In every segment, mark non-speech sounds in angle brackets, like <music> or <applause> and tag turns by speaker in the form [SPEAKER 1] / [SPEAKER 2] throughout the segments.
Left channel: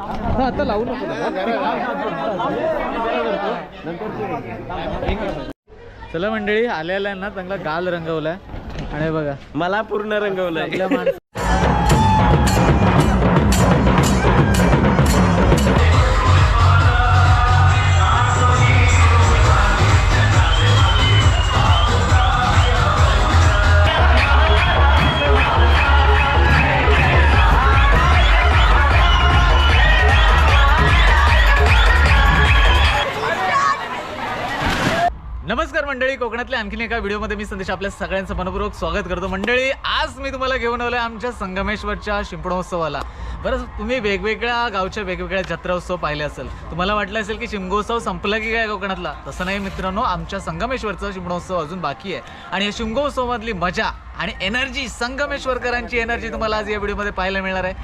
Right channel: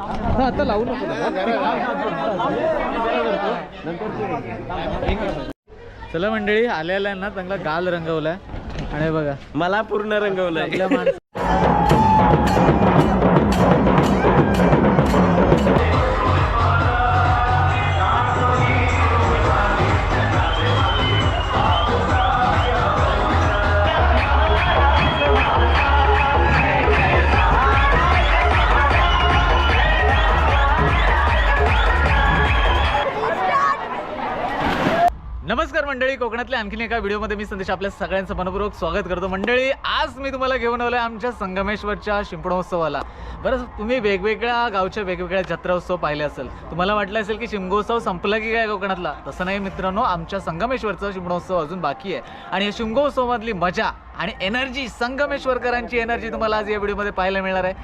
[SPEAKER 1] हा, आता लावू नको चला मंडळी आलेला ना चांगला गाल रंगवलाय. आणि बघा.
[SPEAKER 2] मला पूर्ण रंगवलंय.
[SPEAKER 1] नमस्कार मंडळी कोकणातल्या आणखीन एका व्हिडिओमध्ये मी संदेश आपल्या सगळ्यांचं मनपूर्वक स्वागत करतो. मंडळी आज मी तुम्हाला घेऊन आलोय आमच्या संगमेश्वरच्या शिंपणोत्सवाला बरं तुम्ही वेगवेगळ्या गावच्या वेगवेगळ्या जत्रा उत्सव पाहिले असेल. तुम्हाला वाटलं असेल की शिमगोत्सव संपला की काय कोकणातला? तसं नाही मित्रांनो आमच्या संगमेश्वरचा शिमणोत्सव अजून बाकी आहे. आणि या शिमगोत्सवामधली मजा आणि एनर्जी संगमेश्वरकरांची एनर्जी तुम्हाला आज या व्हिडिओमध्ये पाहायला मिळणार आहे.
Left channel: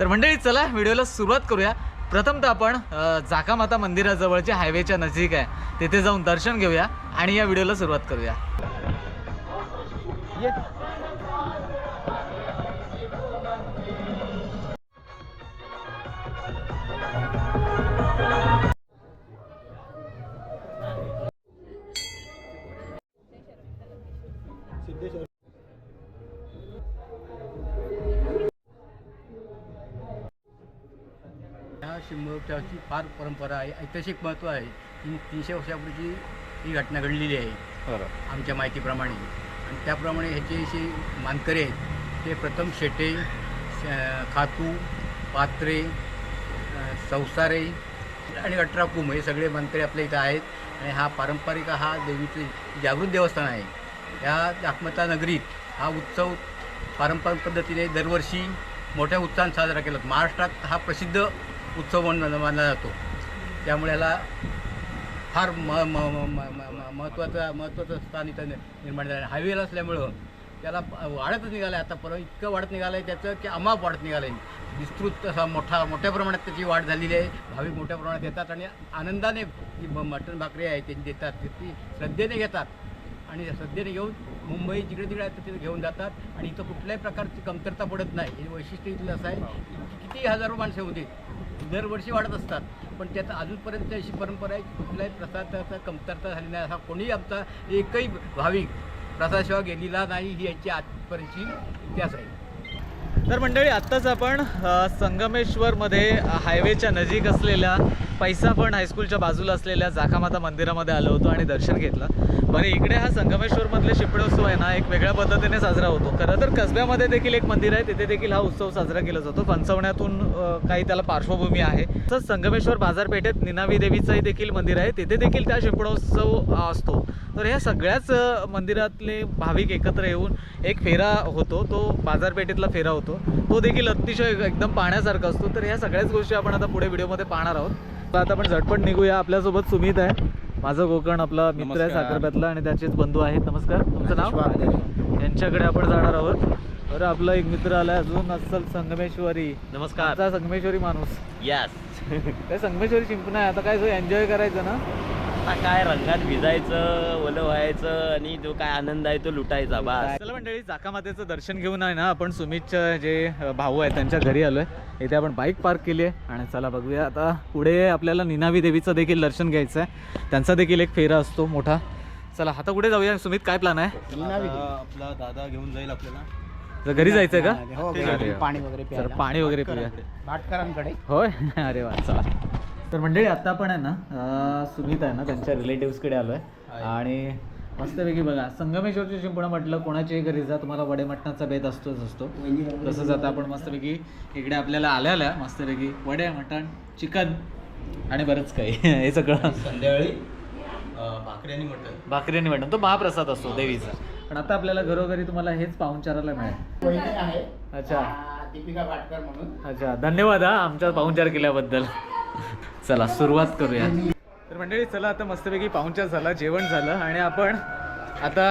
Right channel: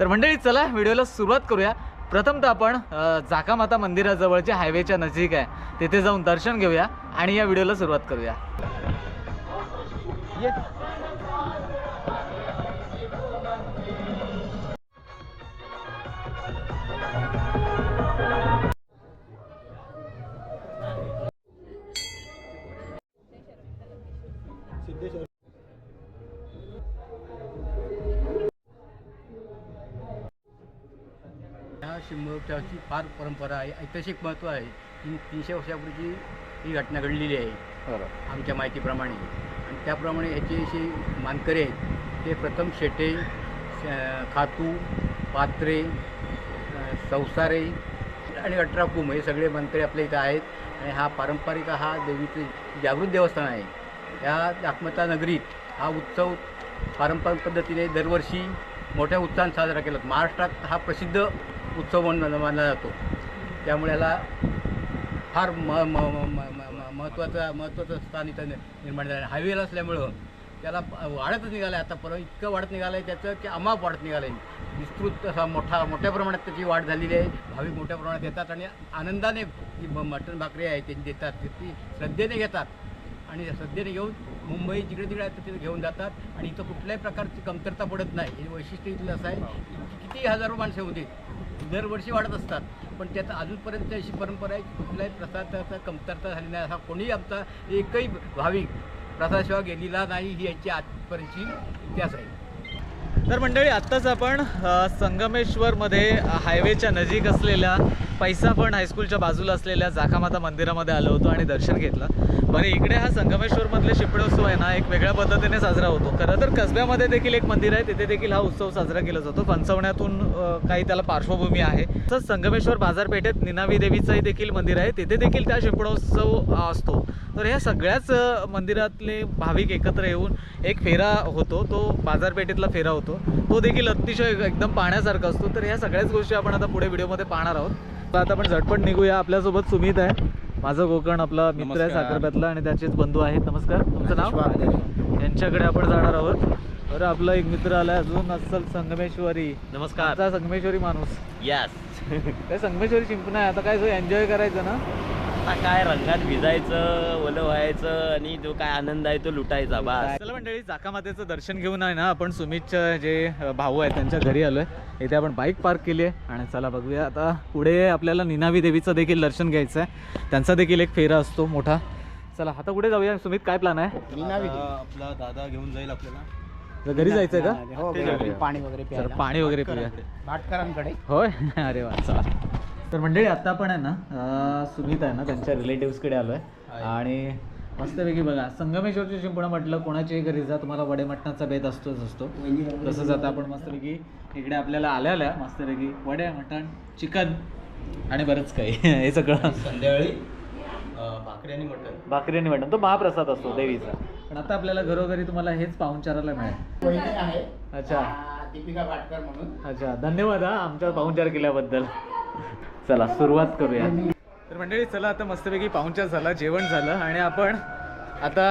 [SPEAKER 1] तर मंडळी चला व्हिडिओला सुरुवात करूया. प्रथमतः आपण जाकामाता मंदिराजवळच्या हायवेच्या नजीक आहे. तिथे जाऊन दर्शन घेऊया आणि या व्हिडिओला सुरुवात करूया.
[SPEAKER 3] शिमगोत्सवाची फार परंपरा आहे ऐतिहासिक महत्त्व आहे. ही तीनशे वर्षापूर्वीची ही घटना घडलेली आहे. आमच्या माहितीप्रमाणे. आणि त्याप्रमाणे ह्याचे जे मानकरी आहेत ते प्रथम शेटे खातू पात्रे संसारे आणि अठराकुम हे सगळे मानकरी आपल्या इथं आहेत. आणि हा पारंपरिक हा देवीचे जागृत देवस्थान आहे. या जाकमता नगरीत हा उत्सव पारंपरिक पद्धतीने दरवर्षी मोठ्या उत्साहात साजरा केला जातो. महाराष्ट्रात हा प्रसिद्ध उत्सव म्हणून मानला जातो. त्यामुळे याला फार म म म म महत्त्वाचं महत्त्वाचं स्थान इथं निर्माण झालं. आहे हायवेला असल्यामुळं त्याला वाढतच निघालं आहे आता परवा इतकं वाढत निघालं आहे त्याचं की अमाप वाढत निघालं आहे विस्तृत असा मोठा मोठ्या प्रमाणात त्याची वाढ झालेली आहे. भाविक मोठ्या प्रमाणात येतात आणि आनंदाने जी म- मटण भाकरी आहे त्यांनी देतात. ती श्रद्धेने घेतात. आणि सध्याने घेऊन मुंबई जिकडे तिकडे आहे तिथे घेऊन जातात. आणि इथं कुठल्याही प्रकारची कमतरता पडत नाही. हे वैशिष्ट्य इथलं असं आहे. किती हजारो माणसं होती दरवर्षी वाढत असतात. पण त्यात अजूनपर्यंत अशी परंपरा आहे की कुठल्याही प्रसादाचा कमतरता झाली नाही. असा कोणीही आमचा एकही भाविक प्रसादशिवाय गेलेला नाही ही याची आजपर्यंतची इतिहास आहे.
[SPEAKER 1] तर मंडळी आत्ताच आपण संगमेश्वरमध्ये हायवेच्या नजीक असलेल्या पैसाफण हायस्कूलच्या बाजूला असलेल्या जाखामाता मंदिरामध्ये आलो होतो आणि दर्शन घेतलं. बरं इकडे हा संगमेश्वरमधले शिपणोत्सव आहे ना एक वेगळ्या पद्धतीने साजरा होतो. खरं तर कसब्यामध्ये देखील एक मंदिर आहे तिथे देखील हा उत्सव साजरा केला जातो. फणसवण्यातून काही त्याला पार्श्वभूमी आहे. तसंच संगमेश्वर बाजारपेठेत निनावी देवीचंही देखील मंदिर आहे. तिथे देखील त्या शिपडोत्सव असतो. तर ह्या सगळ्याच मंदिरातले भाविक एकत्र येऊन एक फेरा होतो. तो बाजारपेठेतला फेरा होतो. तो देखील अतिशय एकदम पाहण्यासारखा असतो. तर ह्या सगळ्याच गोष्टी आपण आता पुढे व्हिडिओमध्ये पाहणार आहोत. तर आता आपण झटपट निघूया. आपल्यासोबत सुमित आहे. माझं कोकण आपला मित्र आहे
[SPEAKER 2] नमस्कार.
[SPEAKER 1] साखरप्यातला आणि त्याचेच बंधू आहेत. नमस्कार. तुमचं नाव? यांच्याकडे आपण जाणार आहोत. बरं आपला एक मित्र आलाय अजून अस्सल संगमेश्वरी.
[SPEAKER 2] नमस्कार.
[SPEAKER 1] संगमेश्वरी माणूस.
[SPEAKER 2] यस
[SPEAKER 1] संगमेश्वरी चिंपण आहे. आता काय एन्जॉय करायचं ना?
[SPEAKER 2] आता काय रंगात भिजायचं ओलं व्हायचं आणि तो काय आनंद आहे तो लुटायचा बस.
[SPEAKER 1] चला मंडळी जाकामातेचं दर्शन घेऊन आहे ना आपण सुमितच्या जे भाऊ आहेत त्यांच्या घरी आलोय. इथे आपण बाईक पार्क केली आहे आणि चला बघूया आता पुढे आपल्याला निनावी देवीचं देखील दर्शन घ्यायचं आहे. त्यांचा देखील एक फेरा असतो मोठा. चला आता कुठे जाऊया? सुमित काय प्लॅन आहे?
[SPEAKER 4] आपला दादा घेऊन जाईल आपल्याला.
[SPEAKER 1] तर घरी जायचं का?
[SPEAKER 3] हो पाणी वगैरे
[SPEAKER 1] पाणी वगैरे पिऊया.
[SPEAKER 3] भाटकरांकडे.
[SPEAKER 1] होय? <laughs> अरे वा चला. तर मंडळी आता आपण आहे ना सुमित आहे ना त्यांच्या रिलेटिव्सकडे आलोय. आणि मस्तपैकी बघा संगमेश्वरची शिंपणं म्हटलं कोणाच्याही घरी जा तुम्हाला वडे मटणाचा बेत असतोच असतो. तसंच आता आपण मस्तपैकी इकडे आपल्याला आल्या आल्या मस्तपैकी वडे मटण चिकन आणि बरंच काही. हे सगळं.
[SPEAKER 4] संध्याकाळी भाकरी आणि मटण.
[SPEAKER 1] भाकरी आणि मटण. तो महाप्रसाद असतो देवीचा. पण आता आपल्याला घरोघरी तुम्हाला हेच पाहुणचाराला मिळेल.
[SPEAKER 3] आहे.
[SPEAKER 1] अच्छा.
[SPEAKER 3] दीपिका भाटकर म्हणून.
[SPEAKER 1] अच्छा. धन्यवाद हा आमचा पाहुणचार केल्याबद्दल. चला सुरुवात करूया तर मंडळी चला आता मस्तपैकी पाहुणचार झाला जेवण झालं आणि आपण आता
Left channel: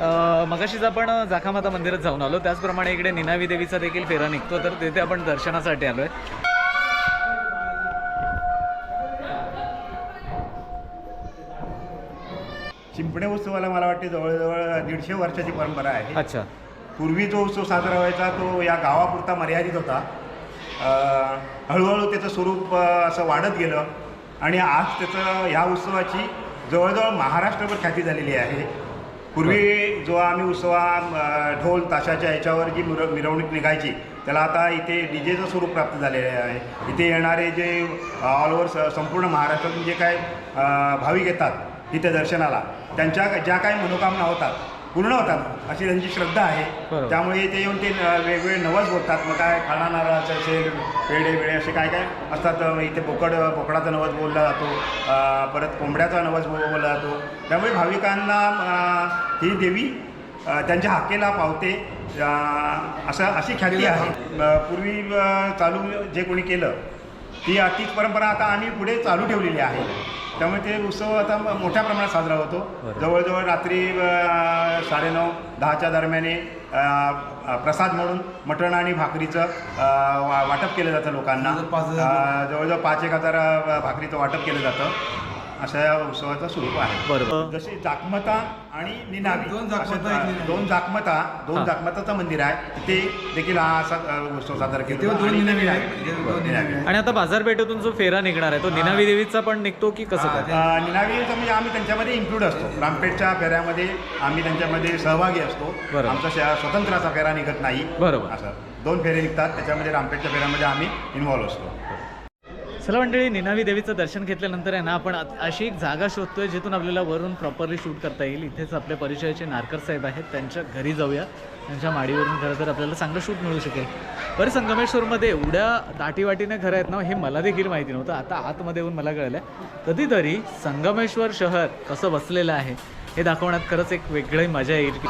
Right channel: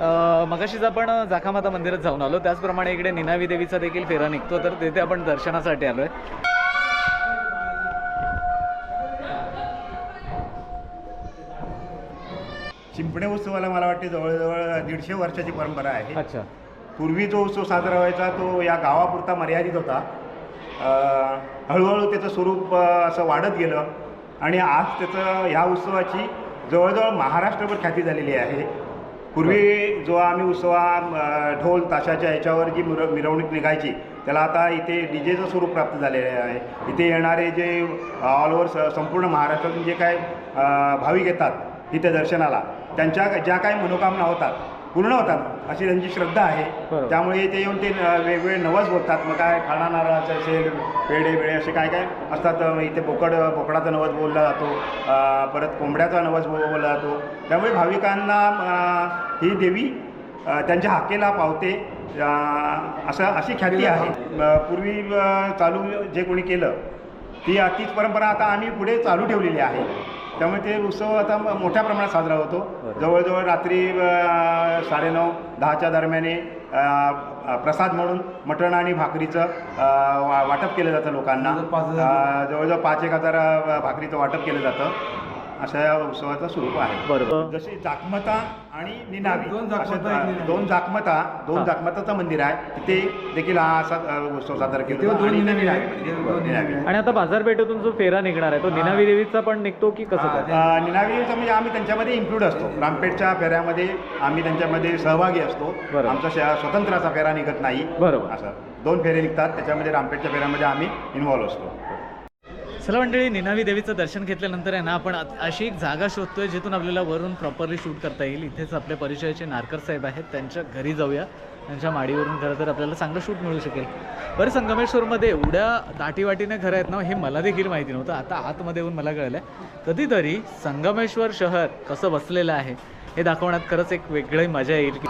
[SPEAKER 1] अं, मगाशीच आपण जाखामाता मंदिरात जाऊन आलो. त्याचप्रमाणे इकडे निनावी देवीचा देखील फेरा निघतो तर तिथे आपण दर्शनासाठी आलोय.
[SPEAKER 5] चिंपणे उत्सवाला मला वाटते जवळजवळ दीडशे वर्षाची परंपरा आहे.
[SPEAKER 1] अच्छा.
[SPEAKER 5] पूर्वी जो उत्सव साजरा व्हायचा तो या गावापुरता मर्यादित होता. हळूहळू त्याचं स्वरूप असं वाढत गेलं. आणि आज त्याचं ह्या उत्सवाची जवळजवळ महाराष्ट्रभर ख्याती झालेली आहे. पूर्वी जो आम्ही उत्सवा ढोल ताशाच्या ह्याच्यावर जी मिर मिरवणूक निघायची त्याला आता इथे डी जेचं स्वरूप प्राप्त झालेले आहे. इथे येणारे जे ऑल ओव्हर स संपूर्ण महाराष्ट्रातून जे काय भाविक येतात इथे दर्शनाला त्यांच्या ज्या काही मनोकामना होतात पूर्ण होतात. अशी त्यांची श्रद्धा आहे. त्यामुळे इथे येऊन ते वेगवेगळे नवस बोलतात. मग काय खाणा नारळाचं असेल पेढे बिडे असे काय काय असतात. इथे बोकड बोकडाचा नवस बोलला जातो. परत कोंबड्याचा नवस बोलला जातो. त्यामुळे भाविकांना ही देवी त्यांच्या हाकेला पावते. असं अशी ख्याती आहे. पूर्वी चालू जे कोणी केलं ती तीच परंपरा आता आम्ही पुढे चालू ठेवलेली आहे. त्यामुळे ते उत्सव आता मोठ्या प्रमाणात साजरा होतो. जवळजवळ रात्री साडेनऊ दहाच्या दरम्याने प्रसाद म्हणून मटण आणि भाकरीचं वा वाटप केलं जातं लोकांना. जवळजवळ पाच एक हजार भाकरीचं वाटप केलं जातं. अशा या उत्सवाचं स्वरूप आहे
[SPEAKER 1] बरोबर
[SPEAKER 5] जशी जाकमता आणि निनावी
[SPEAKER 3] दोन एक निनावी.
[SPEAKER 5] दोन जाकमता दोन. जाकमताचं मंदिर आहे तिथे देखील हा असा उत्सव साजरा केला
[SPEAKER 3] तेव्हा. दोन
[SPEAKER 5] आणि
[SPEAKER 3] निनावी आहे. दोन निनावी आहे.
[SPEAKER 1] आणि आता बाजारपेठेतून जो फेरा निघणार आहे तो निनावी देवीचा पण निघतो की कसं काय
[SPEAKER 5] अ, निनावीचं म्हणजे आम्ही त्यांच्यामध्ये इन्क्लूड असतो रामपेठच्या फेऱ्यामध्ये आम्ही त्यांच्यामध्ये सहभागी असतो
[SPEAKER 1] बरोबर.
[SPEAKER 5] आमचा शे- स्वतंत्र असा फेरा निघत नाही
[SPEAKER 1] बरोबर.
[SPEAKER 5] असं दोन फेरे निघतात त्याच्यामध्ये रामपेठच्या फेऱ्यामध्ये आम्ही इन्व्हॉल्व असतो
[SPEAKER 1] चला मंडळी निनावी देवीचं दर्शन घेतल्यानंतर आहे ना आपण अशी एक जागा शोधतोय जिथून आपल्याला वरून प्रॉपरली शूट करता येईल. इथेच आपल्या परिचयाचे नारकर साहेब आहेत त्यांच्या घरी जाऊया. त्यांच्या माडीवरून खरं तर आपल्याला चांगलं शूट मिळू शकेल. बरं संगमेश्वरमध्ये एवढ्या दाटीवाटीने घरं आहेत ना हे मला देखील माहिती नव्हतं. आता आतमध्ये येऊन मला कळलं आहे कधीतरी संगमेश्वर शहर कसं बसलेलं आहे हे दाखवण्यात खरंच एक वेगळी मजा येईल. की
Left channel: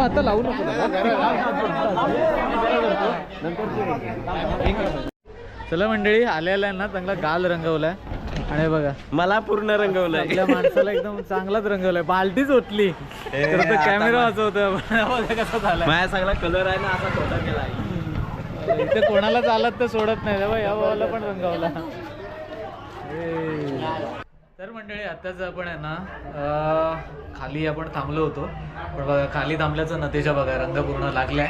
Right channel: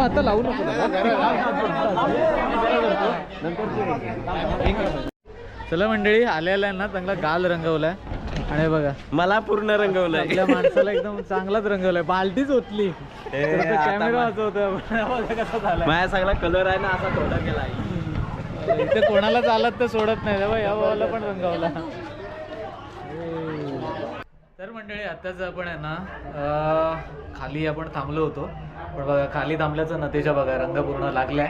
[SPEAKER 1] आता लावू नको. चला मंडळी आलेला ना चांगला गाल रंगवलाय. आणि बघा.
[SPEAKER 2] मला पूर्ण रंगवलंय.
[SPEAKER 1] आपल्या माणसाला एकदम चांगलाच रंगवलाय. बाल्टीच ओतली. कॅमेरा
[SPEAKER 2] मा-
[SPEAKER 1] वाजवतोय. बघा कसा झालाय.
[SPEAKER 2] माझ्या सगळा कलर आहे ना असा थोडा केला
[SPEAKER 1] इथे कोणाला चालत तर सोडत नाही. या भावाला पण रंगवला. तर मंडळी आताच आपण आहे ना खाली आपण थांबलो होतो. पण बघा खाली थांबल्याचा नतीजा बघा रंग पूर्ण लागलाय.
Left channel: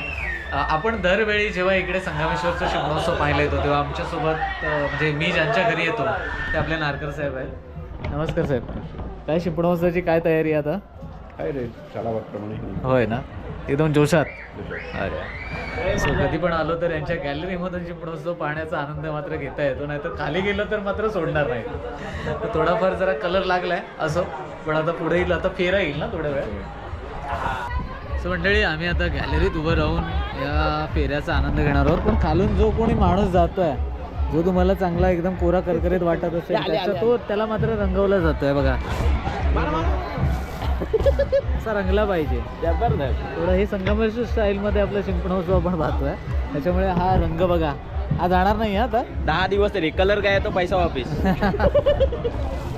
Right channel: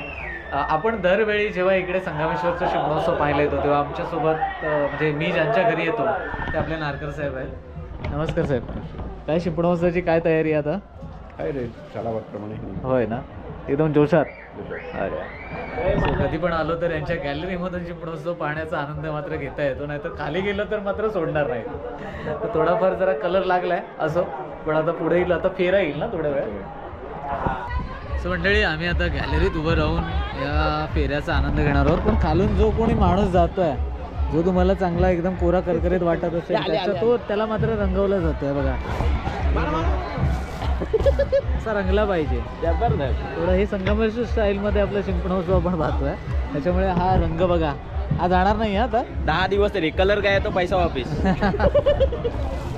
[SPEAKER 1] आपण दरवेळी जेव्हा इकडे संगमेश्वरचा शिमणोत्सव पाहायला येतो तेव्हा आमच्यासोबत म्हणजे मी ज्यांच्या घरी येतो ते आपले नारकर साहेब आहेत. नमस्कार साहेब. काय शिपणोत्सवाची काय तयारी आहे आता?
[SPEAKER 5] काय रे शाळाप्रमाणे
[SPEAKER 1] होय ना? एकदम जोशात? अरे. सो कधी पण आलो तर यांच्या गॅलरीमधून चिपणोत्सव पाहण्याचा आनंद मात्र घेता येतो नाही तर खाली गेलं तर मात्र सोडणार नाही. तर थोडाफार जरा कलर लागलाय असो. पण आता पुढे येईल आता फेरा येईल ना थोड्या वेळ. सो मंडळी आम्ही आता गॅलरीत उभं राहून या फेऱ्याचा आनंद घेणार आहोत. पण खालून जो कोणी माणूस जातोय जो तुम्हाला चांगला एकदम कोरा करकरीत वाटत असेल त्याचा तो त्याला मात्र रंगवला जातोय बघा. असा रंगला पाहिजे. थोडं हे संगमेश्वर स्टाईलमध्ये आपला शिंपणोत्सव आपण पाहतोय. त्याच्यामुळे हा रंग बघा. हा जाणार नाही आता.
[SPEAKER 2] दहा दिवस तरी. कलर काय तो पैसा वापिस. <laughs>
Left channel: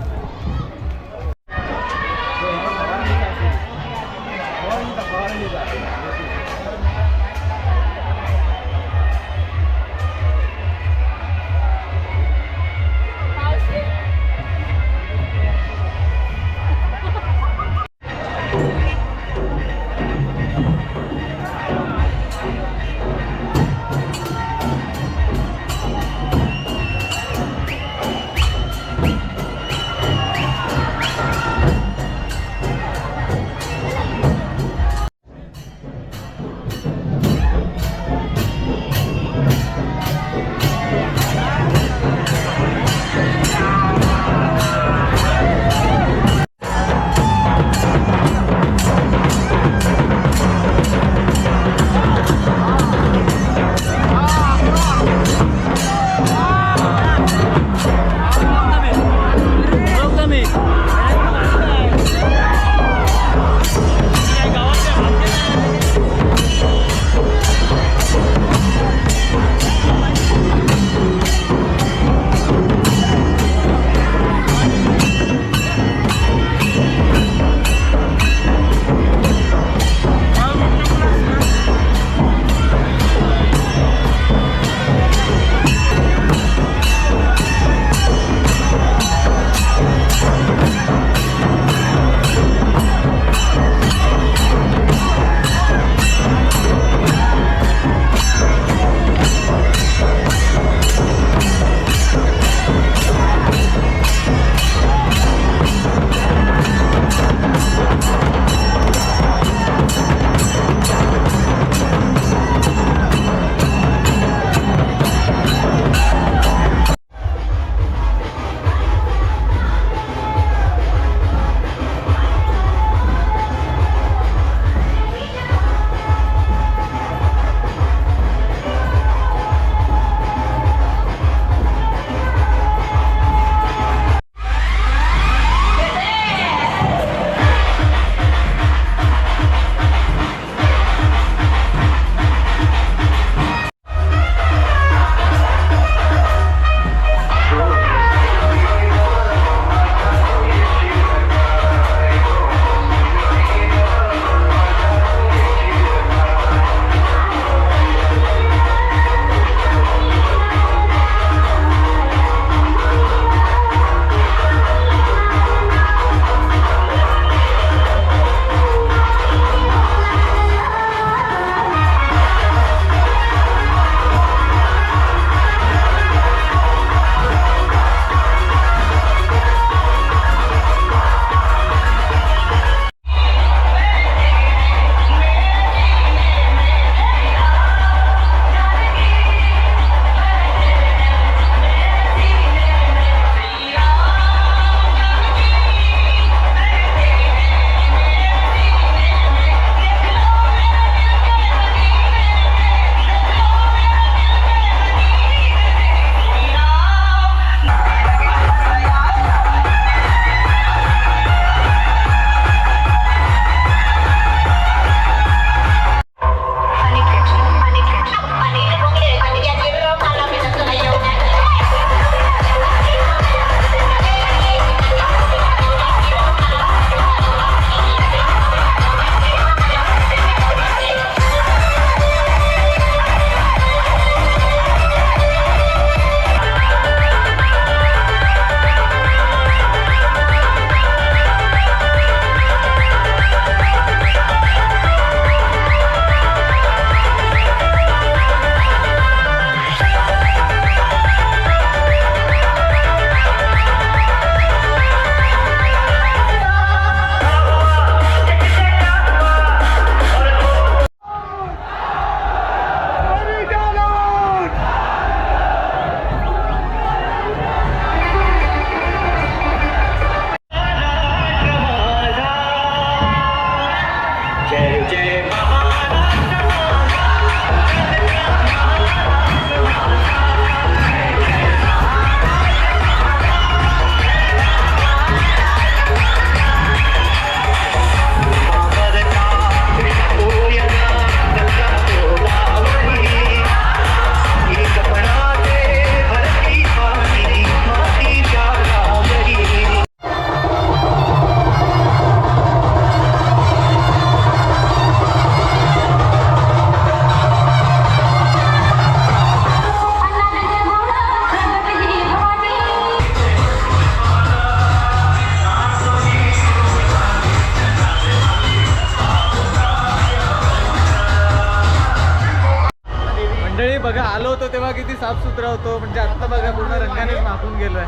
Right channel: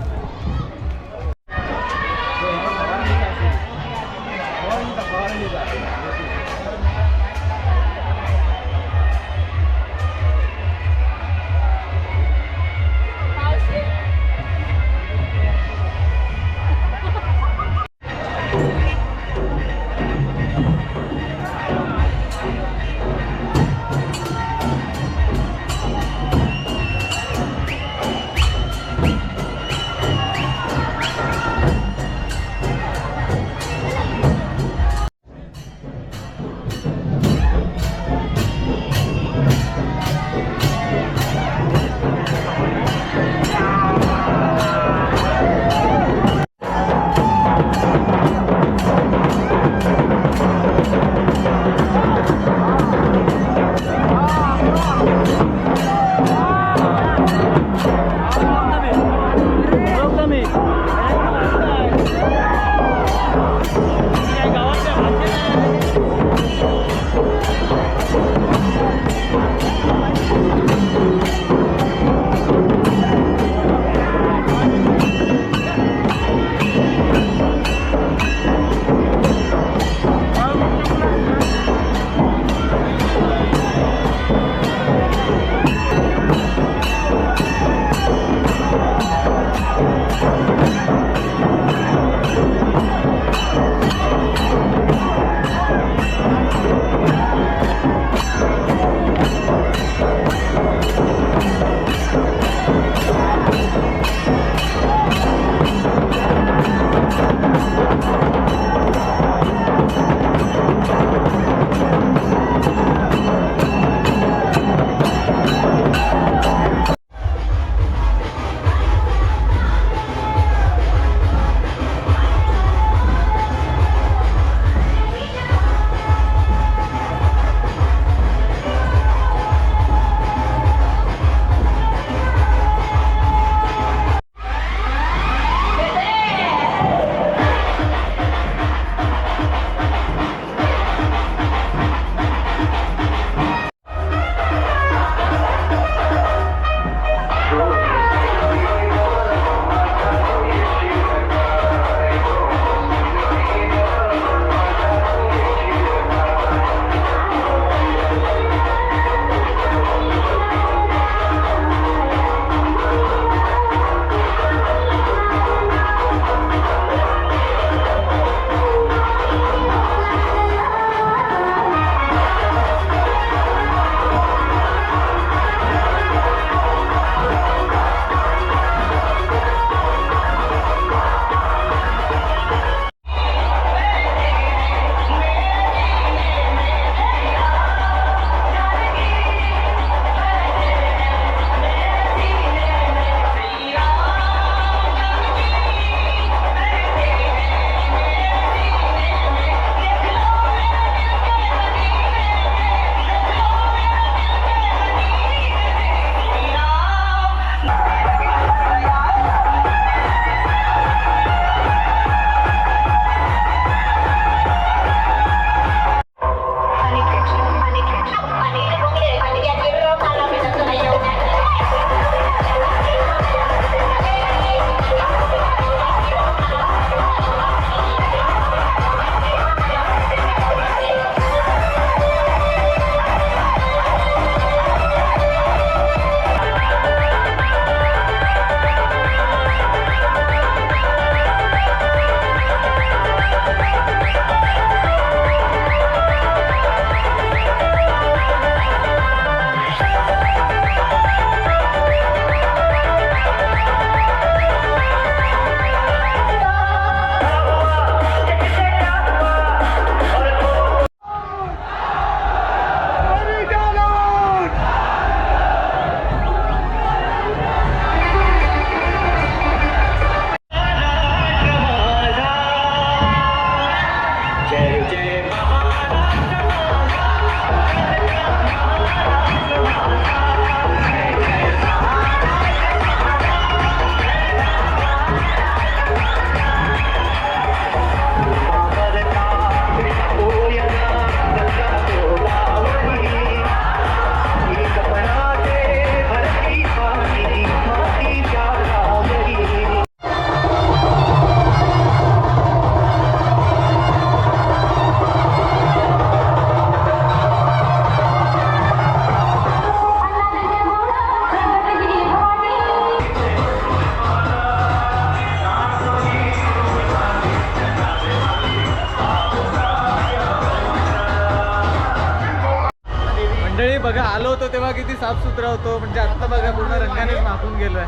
[SPEAKER 1] किती साफसुथरा होतो म्हणजे आत्ता बघा पूर्ण रंगानेच माखून गेलोय.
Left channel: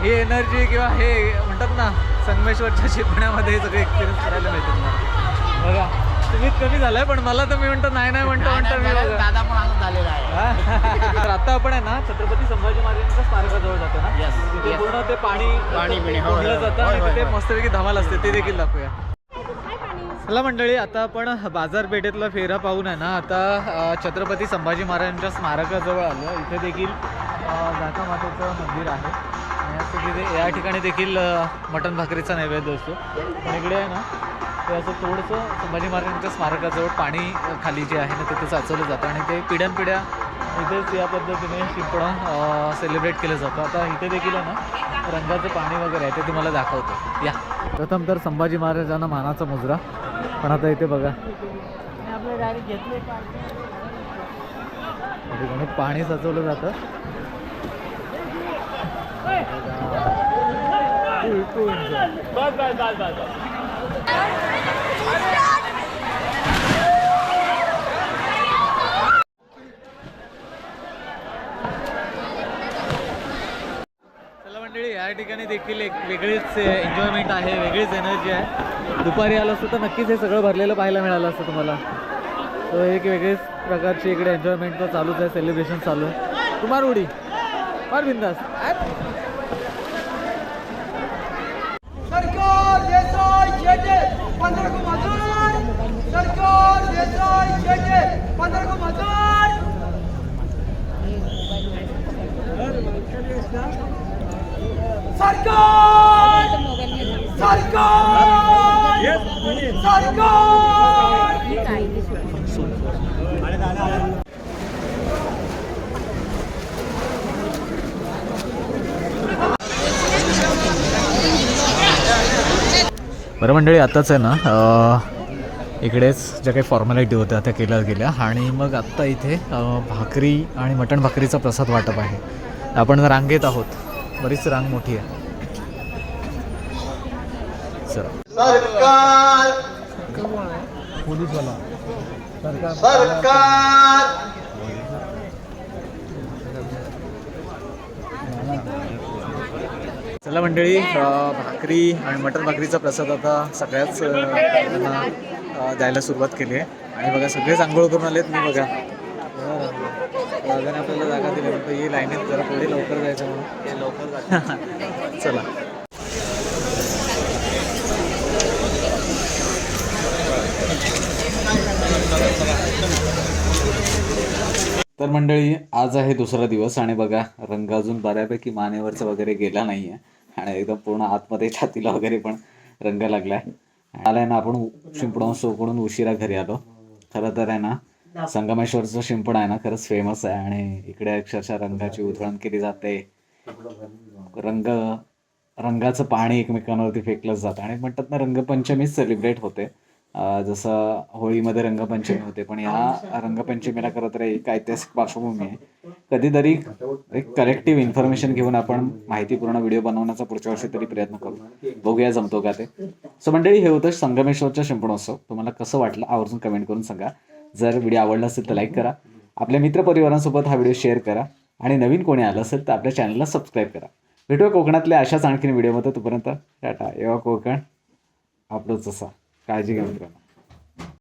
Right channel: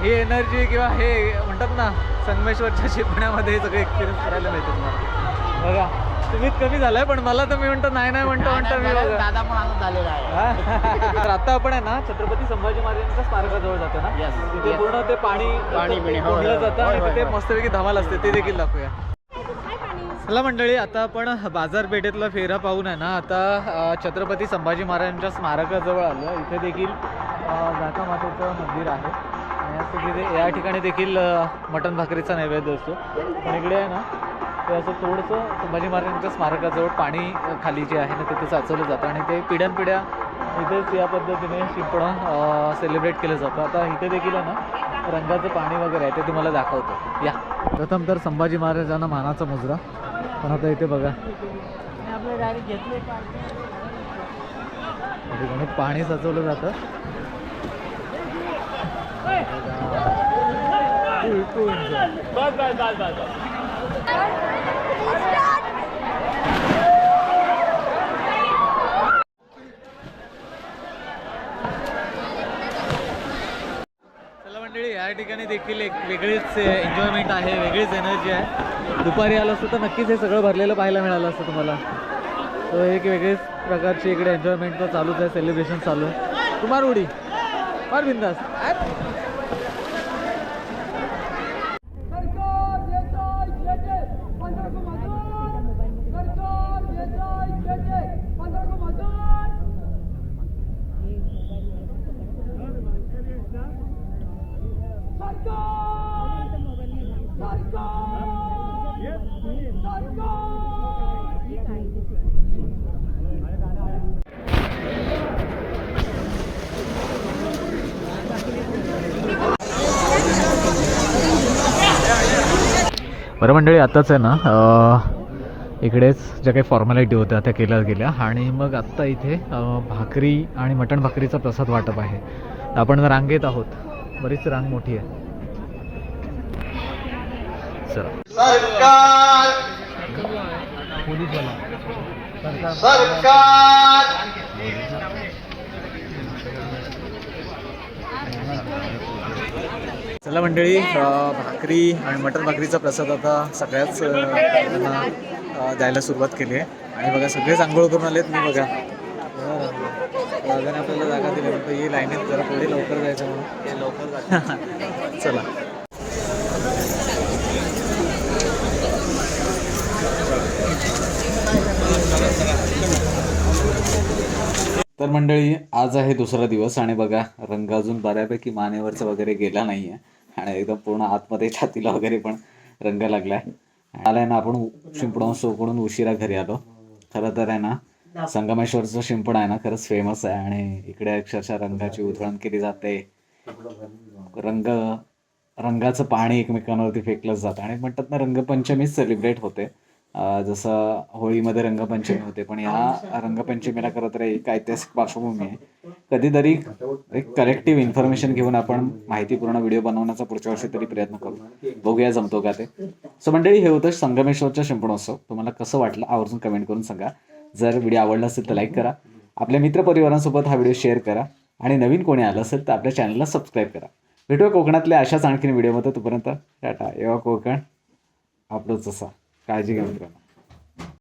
[SPEAKER 1] ही एनर्जी किंवा हे म्हणतात ना संगमेश्वरच्या शिपण्यामध्ये हे सगळे एक्सपिरियन्स करायला मिळते तुम्हाला बघा तुम्हीच कमी झालाय पण मला तर मी म्हणतो नाही नाही म्हणतो म्हणतो मी बघा.
[SPEAKER 2] दादा पण आनंद झालेला आहे.
[SPEAKER 1] तर आता आपण आहे ना छत्रपती संभाजी महाराजांच्या स्मारकाजवळ जातो ना? तिथे. पूर्ण ते पाणी
[SPEAKER 2] पाणी हो,
[SPEAKER 1] कोंडलं
[SPEAKER 2] हो,
[SPEAKER 1] जातं आणि तिथे. मस्तपैकी धमाल असते ते देखील दाखवूया. चला मंडळी आता आपण बाजारपेठेतला फेरा पाहून आहे ना आता छत्रपती संभाजी महाराजांच्या स्मारकाजवळ आलो इथे देखील अ, मातेचं मंदिर आहे. आणि असं तिथे या ठिकाणी देखील मटण भाकरीचा नैवेद्य असतो. पण इकडे आहे ना ते असं थोडंसं संभाजी महाराजांच्या स्मारकाजवळ पाणी खाली जे आहे ना तिथे साचवलं जातं. आणि ते पिढ्यानपिढ्या इथेच या पद्धतीने शिंपणं सेलिब्रेट केलं जातं. आता इथे देखील आहे ना रंगाचं पाणी वगैरे आहे ते तुम्हाला दाखवतो. या. प्रथम तर संभाजी महाराजांना मानाचा मुजरा. पण आता इथे बघा ठिकाणी पाणी सजवलं जातं चला मंडळी या ठिकाणी देखील एक वेगळीच एन्जॉयमेंट आहे वेगळीच एनर्जी आहे. दुपारी आलं असतं तर नक्कीच हे सगळं भरलेलं पाहायला मिळालं असतं तुम्हाला. तो एक वेगळीच प्रकारची इकडे एन्जॉयमेंट तर चालूच आहे सेलिब्रेशन चालू. आहे कुमार उडी. फार बिंदास
[SPEAKER 6] सरकार देसाई शेटे पंधरा को मजूर सरकार देसाई शेटे पंधरा को मजूर सरकार सरकार सरकार
[SPEAKER 1] बरं मंडळी आत्ताच आहे ना इकडेच ज्या काही फॉर्मॅलिटी होत्या त्या केल्या गेल्या. आणि मग आत्ता इथे भाकरी आणि मटण भाकरीचा प्रसाद वाटप आहे. आपण रांगेत आहोत बरीच रांग मोठी आहे. सरकार. चला मंडळी भाकरी आणि मटर भाकरीचा प्रसाद आता सगळ्याच त्यांना द्यायला सुरुवात केली आहे. आणि बघा सगळेच आंघोळ करून आलेत मी बघा. दादाने आपल्याला जागा दिली म्हणतो ही लाईनीत जरा पुढे लवकर जायचं म्हणून. लवकर <laughs> चला. तर मंडळी आज आहे दुसरा दिवस आणि बघा रंग अजून बऱ्यापैकी मानेवरचा वगैरे गेला नाही आहे आणि एकदम पूर्ण आतमध्ये छातीला वगैरे पण रंग लागलाय. आलाय ना आपण शिंपणोत्सवकडून उशिरा घरी आलो. खरं तर आहे ना संगमेश्वरचं शिंपण आहे ना खरंच फेमस आहे. आणि इकडे अक्षरशः रंगाची उधळण केली जाते. रंग रंगाचं पाणी एकमेकांवरती फेकलं जातं. आणि म्हणतात ना रंगपंचमीच सेलिब्रेट होते. जसं होळीमध्ये रंगपंचमी होते पण या रंगपंचमीला खरं तर एक ऐतिहासिक पार्श्वभूमी आहे. कधीतरी एक कलेक्टिव्ह इन्फॉर्मेशन घेऊन आपण माहितीपूर्ण व्हिडिओ बनवण्याचा पुढच्या वर्षी तरी प्रयत्न करू. बघूया जमतो का ते. सो मंडळी हे होतं संगमेश्वरच्या शिंपणोत्सव तुम्हाला कसं वाटलं आवर्जून कमेंट करून सांगा. जर व्हिडिओ आवडला असेल तर लाईक करा. आपल्या मित्रपरिवारांसोबत हा व्हिडिओ शेअर करा. आणि नवीन कोणी आलं असेल तर आपल्या चॅनलला सबस्क्राईब करा. भेटूया कोकणातल्या अशाच आणखीन व्हिडिओमध्ये तोपर्यंत टाटा. एव्हा कोकण आपलंच असा. Ah, diga-me.